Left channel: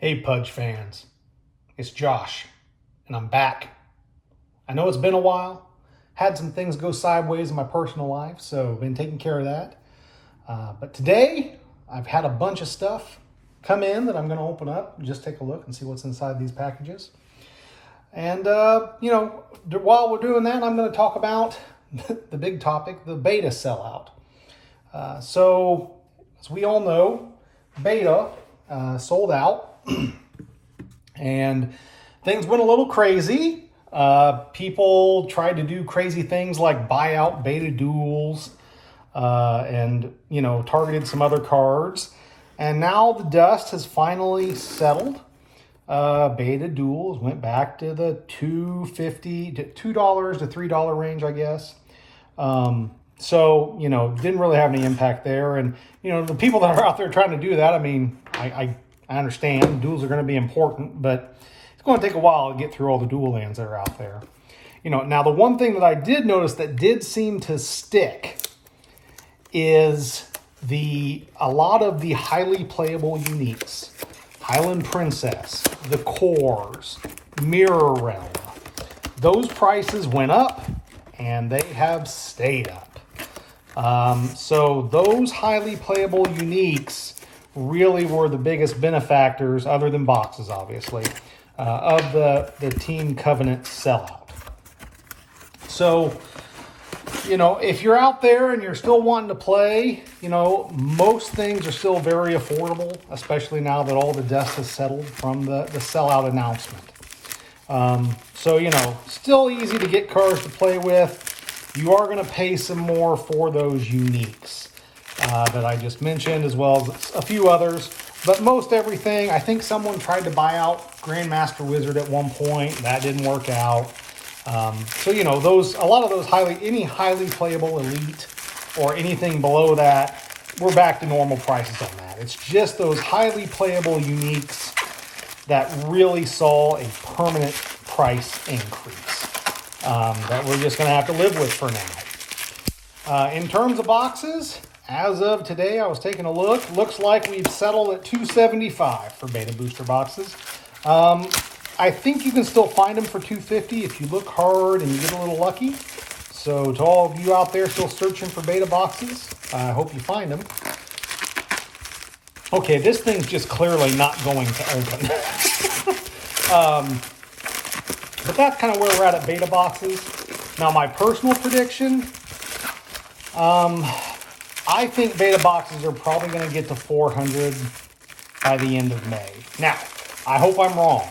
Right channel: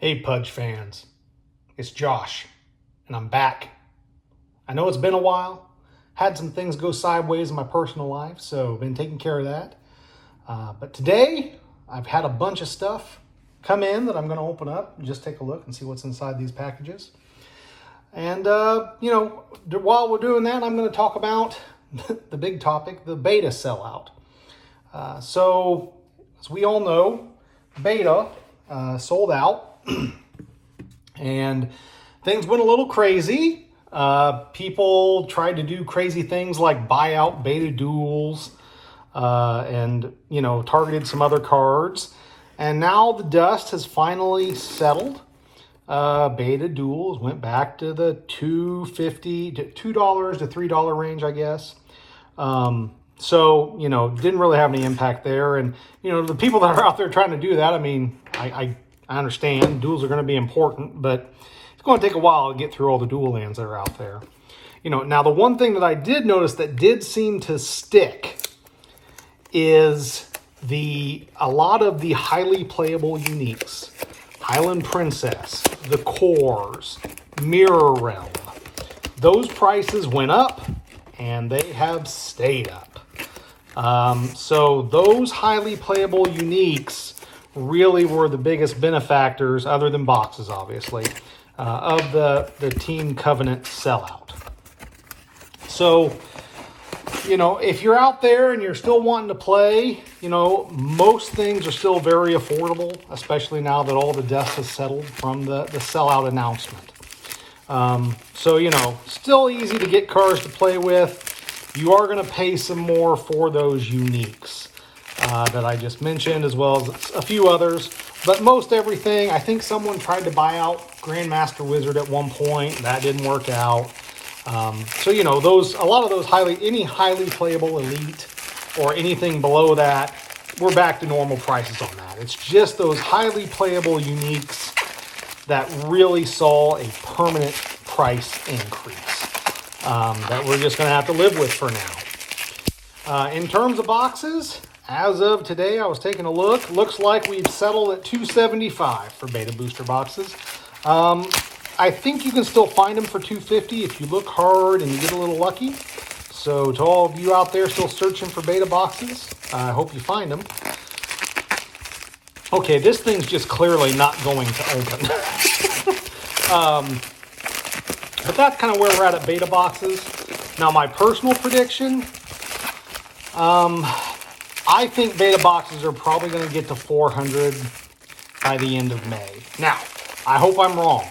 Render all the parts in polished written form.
Hey Pudge fans, it's Josh, and I'm back. I know it's been a while, had some things go sideways in my personal life, so been taking care of that. But today, I've had a bunch of stuff come in that I'm going to open up and just take a look and see what's inside these packages. And, while we're doing that, I'm going to talk about the big topic, the beta sellout. So, as we all know, beta sold out. And things went a little crazy. People tried to do crazy things like buy out beta duels and, targeted some other cards. And now the dust has finally settled. Beta duels went back to the $2.50 to $2 to $3 range, I guess. So, didn't really have any impact there. And, the people that are out there trying to do that, I mean, I understand duels are going to be important, but it's going to take a while to get through all the dual lands that are out there. Now the one thing that I did notice that did seem to stick is a lot of the highly playable uniques. Island Princess, the Cores, Mirror Realm. Those prices went up and they have stayed up. So those highly playable uniques really were the biggest benefactors, other than boxes, obviously, of the Team Covenant sellout. So, if you're out there and you're still wanting to play, most things are still very affordable, especially now that all the dust has settled from the sellout announcement. Still easy to get cards to play with. You are going to pay some more for those uniques that I just mentioned, as well as a few others. But most everything, I think someone tried to buy out Grandmaster Wizard at one point. That didn't work out. A lot of those any highly playable elite or anything below that, we're back to normal prices on that. It's just those highly playable uniques that really saw a permanent price increase that we're just going to have to live with for now. In terms of boxes, as of today, I was taking a look. Looks like we've settled at $275 for beta booster boxes. I think you can still find them for $250 if you look hard and you get a little lucky. So to all of you out there still searching for beta boxes, I hope you find them. Okay, this thing's just clearly not going to open. But that's kind of where we're at beta boxes. Now, my personal prediction, I think beta boxes are probably going to get to 400 by the end of May. Now, I hope I'm wrong.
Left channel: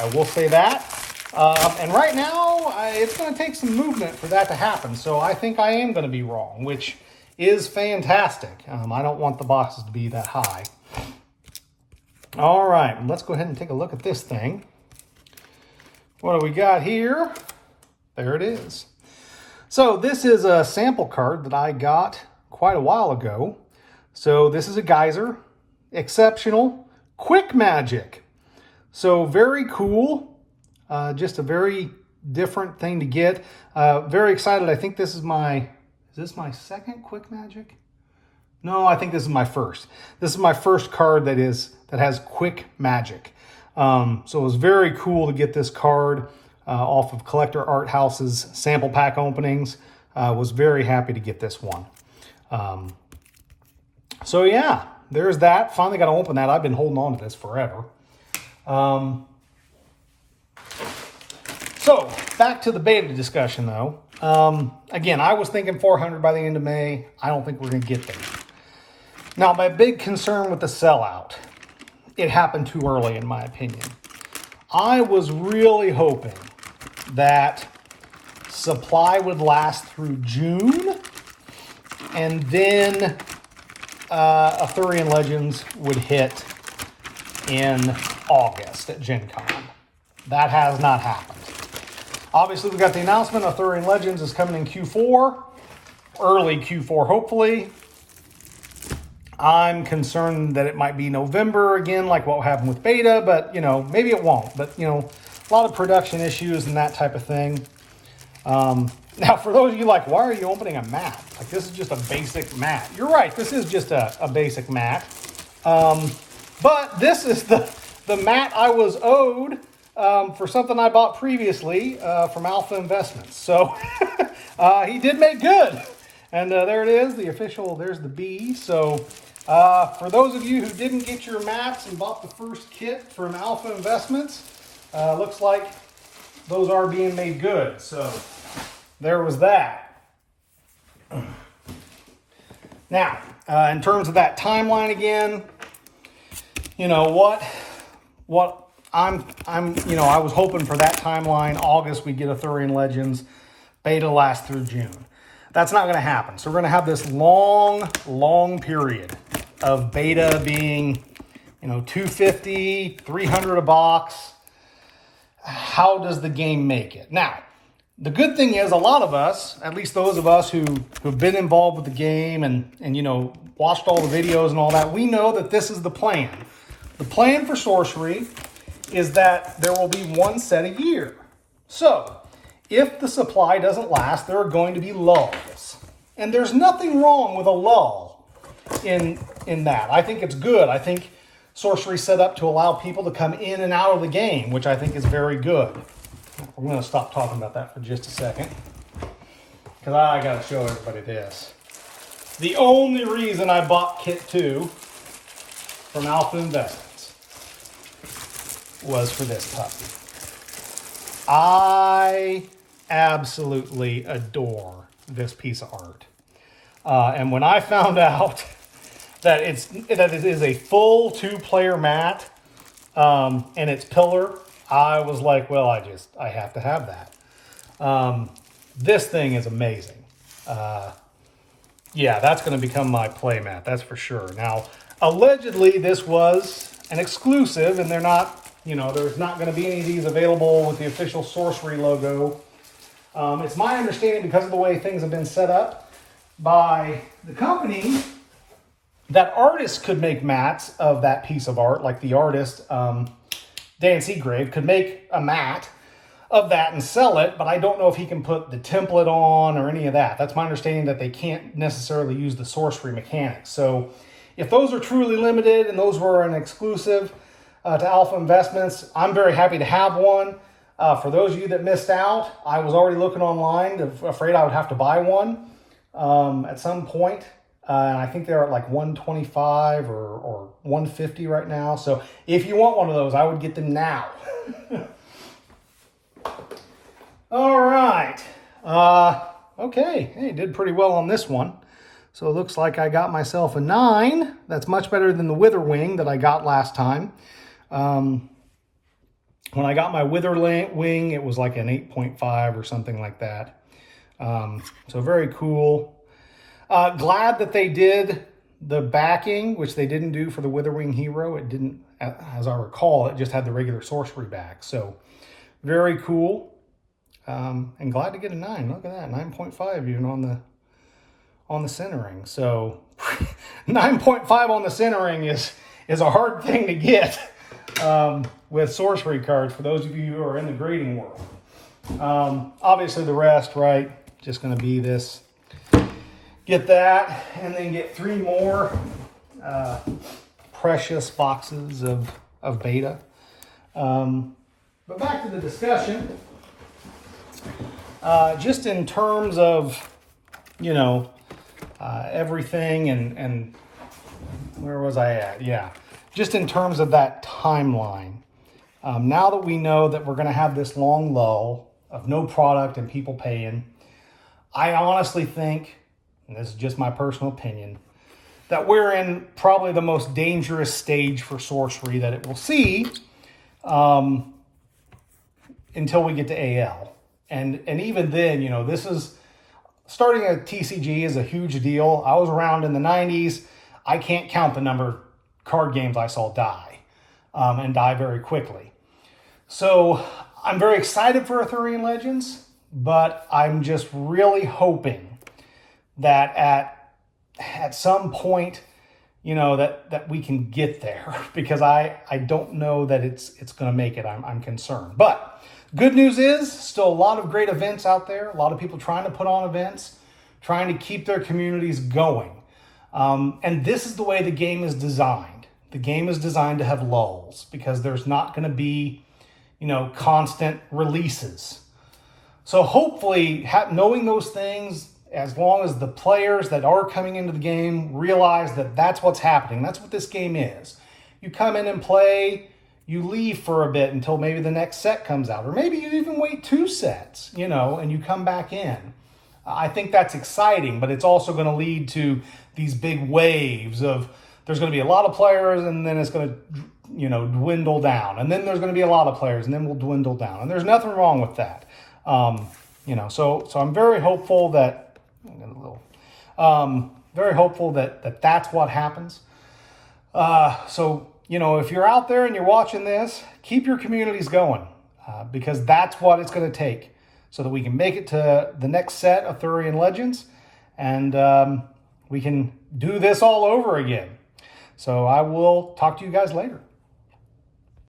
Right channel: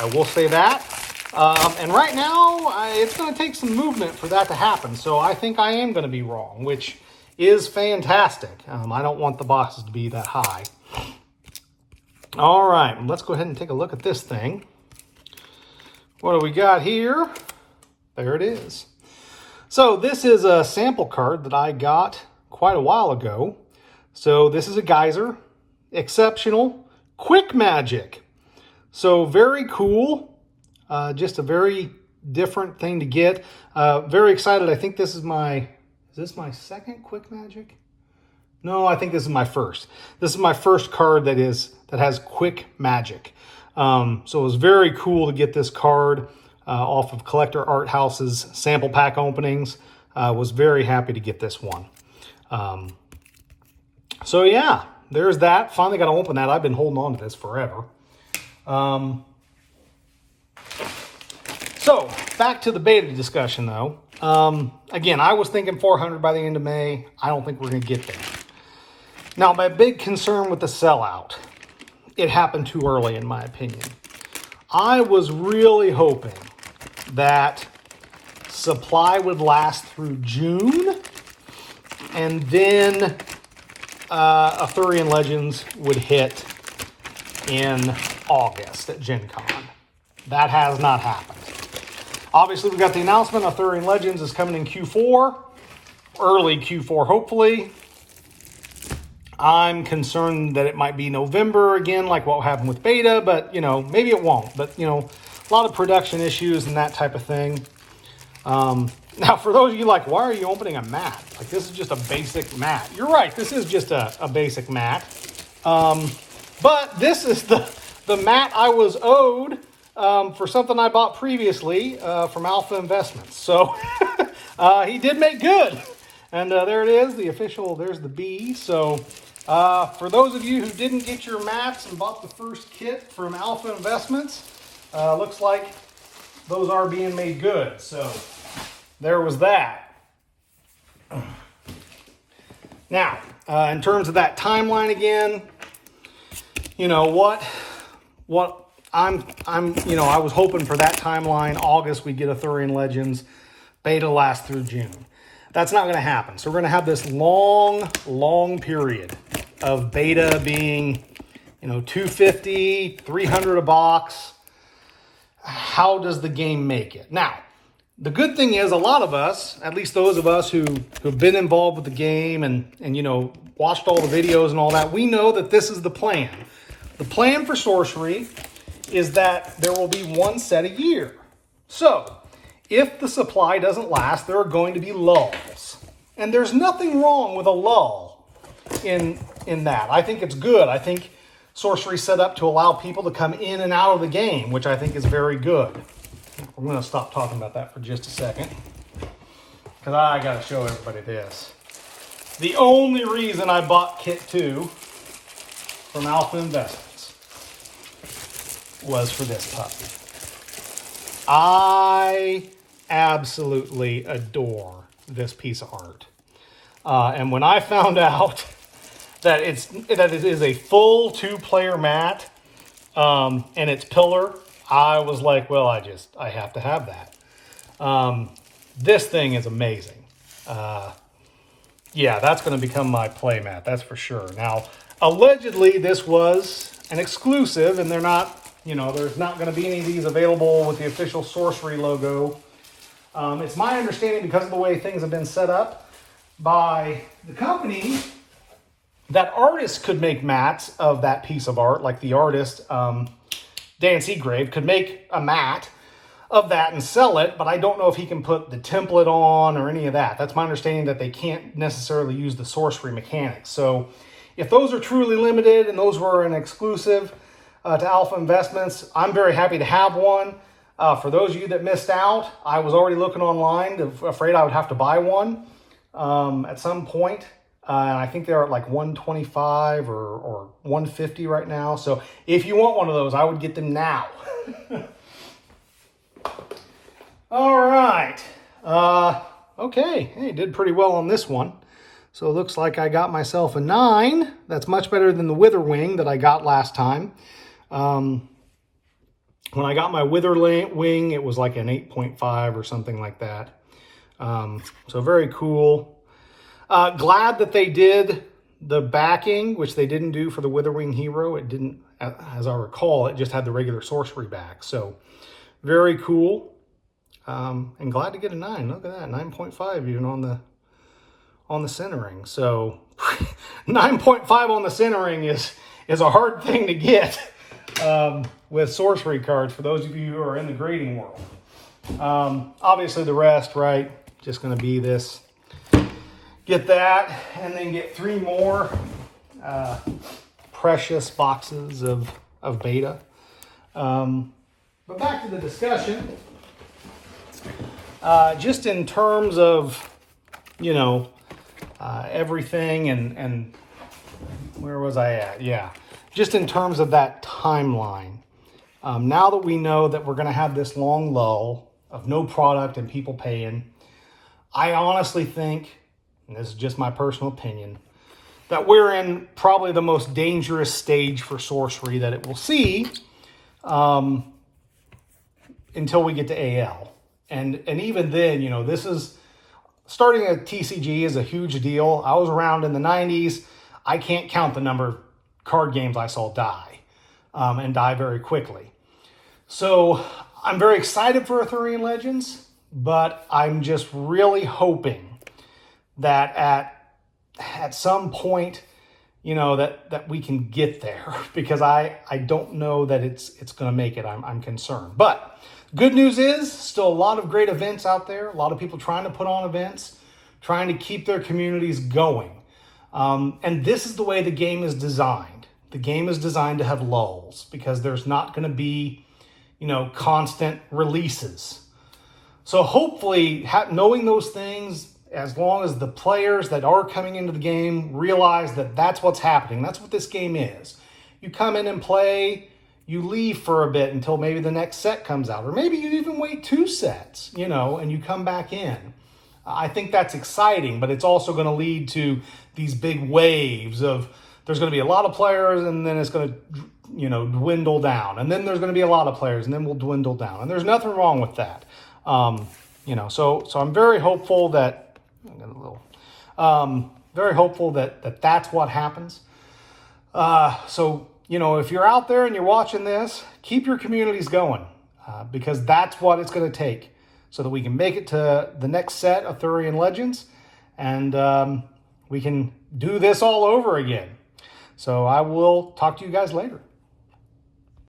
I will say that. And right now, it's going to take some movement for that to happen. So I think I am going to be wrong, which is fantastic. I don't want the boxes to be that high. All right, let's go ahead and take a look at this thing. What do we got here? There it is. So this is a sample card that I got quite a while ago. So this is a Geyser, exceptional, quick magic. So very cool, just a very different thing to get. Very excited. I think this is is this my second quick magic? No, I think this is my first. This is my first card that has quick magic. So it was very cool to get this card off of Collector Art House's sample pack openings. Was very happy to get this one. So yeah, there's that. Finally got to open that. I've been holding on to this forever. So back to the beta discussion though. Again, I was thinking 400 by the end of May. I don't think we're going to get there. Now, my big concern with the sellout, it happened too early in my opinion. I was really hoping that supply would last through June and then Arthurian Legends would hit in August at Gen Con. That has not happened. Obviously, we got the announcement Arthurian Legends is coming in Q4, early Q4, hopefully. I'm concerned that it might be November again, like what happened with beta, but, maybe it won't. But, a lot of production issues and that type of thing. Now, for those of you like, why are you opening a mat? Like, this is just a basic mat. You're right, this is just a basic mat. But this is the mat I was owed for something I bought previously from Alpha Investments. So he did make good. And there it is, the official, there's the B. So for those of you who didn't get your mats and bought the first kit from Alpha Investments, looks like those are being made good. So there was that. Now, in terms of that timeline again, you know what I was hoping for that timeline. August, we get Arthurian Legends. Beta lasts through June. That's not going to happen. So we're going to have this long period of beta being, $250, $300 a box. How does the game make it? Now, the good thing is a lot of us, at least those of us who've been involved with the game and watched all the videos and all that, we know that this is the plan. The plan for Sorcery is that there will be one set a year. So, if the supply doesn't last, there are going to be lulls. And there's nothing wrong with a lull in that. I think it's good. I think Sorcery's set up to allow people to come in and out of the game, which I think is very good. I'm going to stop talking about that for just a second, because I got to show everybody this. The only reason I bought Kit 2 from Alpha Investments was for this puppy. I absolutely adore this piece of art. And when I found out that it is a full 2-player mat and it's pillar, I was like, well, I have to have that. This thing is amazing. Yeah, that's going to become my play mat, that's for sure. Now, allegedly, this was an exclusive, and they're not, there's not going to be any of these available with the official Sorcery logo. It's my understanding, because of the way things have been set up by the company, that artists could make mats of that piece of art, like the artist, Dan Seagrave, could make a mat of that and sell it, but I don't know if he can put the template on or any of that. That's my understanding, that they can't necessarily use the Sorcery mechanics. So if those are truly limited and those were an exclusive to Alpha Investments, I'm very happy to have one. For those of you that missed out, I was already looking online, afraid I would have to buy one at some point. And I think they're at like $125 or $150 right now. So if you want one of those, I would get them now. All right. Okay. Hey, did pretty well on this one. So it looks like I got myself a 9. That's much better than the Wither Wing that I got last time. When I got my Wither Wing, it was like an 8.5 or something like that. So very cool. Glad that they did the backing, which they didn't do for the Wither Wing Hero. It didn't, as I recall, it just had the regular Sorcery back. So very cool. And glad to get a 9. Look at that, 9.5 even on the centering. So 9.5 on the centering is a hard thing to get with Sorcery cards for those of you who are in the grading world. Obviously the rest, right, just going to be this. Get that, and then get 3 more precious boxes of beta. But back to the discussion. Just in terms of, everything and where was I at? Yeah, just in terms of that timeline. Now that we know that we're going to have this long lull of no product and people paying, I honestly think, and this is just my personal opinion, that we're in probably the most dangerous stage for Sorcery that it will see until we get to AL. And even then, this is, starting a TCG is a huge deal. I was around in the 90s. I can't count the number of card games I saw die, and die very quickly. So I'm very excited for Arthurian Legends, but I'm just really hoping that at some point, that we can get there, because I don't know that it's going to make it. I'm concerned. But good news is still a lot of great events out there. A lot of people trying to put on events, trying to keep their communities going. And this is the way the game is designed. The game is designed to have lulls because there's not going to be, constant releases. So hopefully, knowing those things, as long as the players that are coming into the game realize that that's what's happening, that's what this game is. You come in and play, you leave for a bit until maybe the next set comes out, or maybe you even wait 2 sets, and you come back in. I think that's exciting, but it's also going to lead to these big waves of there's going to be a lot of players, and then it's going to, dwindle down, and then there's going to be a lot of players, and then we'll dwindle down, and there's nothing wrong with that. So I'm very hopeful that very hopeful that that's what happens. If you're out there and you're watching this, keep your communities going because that's what it's going to take so that we can make it to the next set of Thurian Legends and we can do this all over again. So I will talk to you guys later.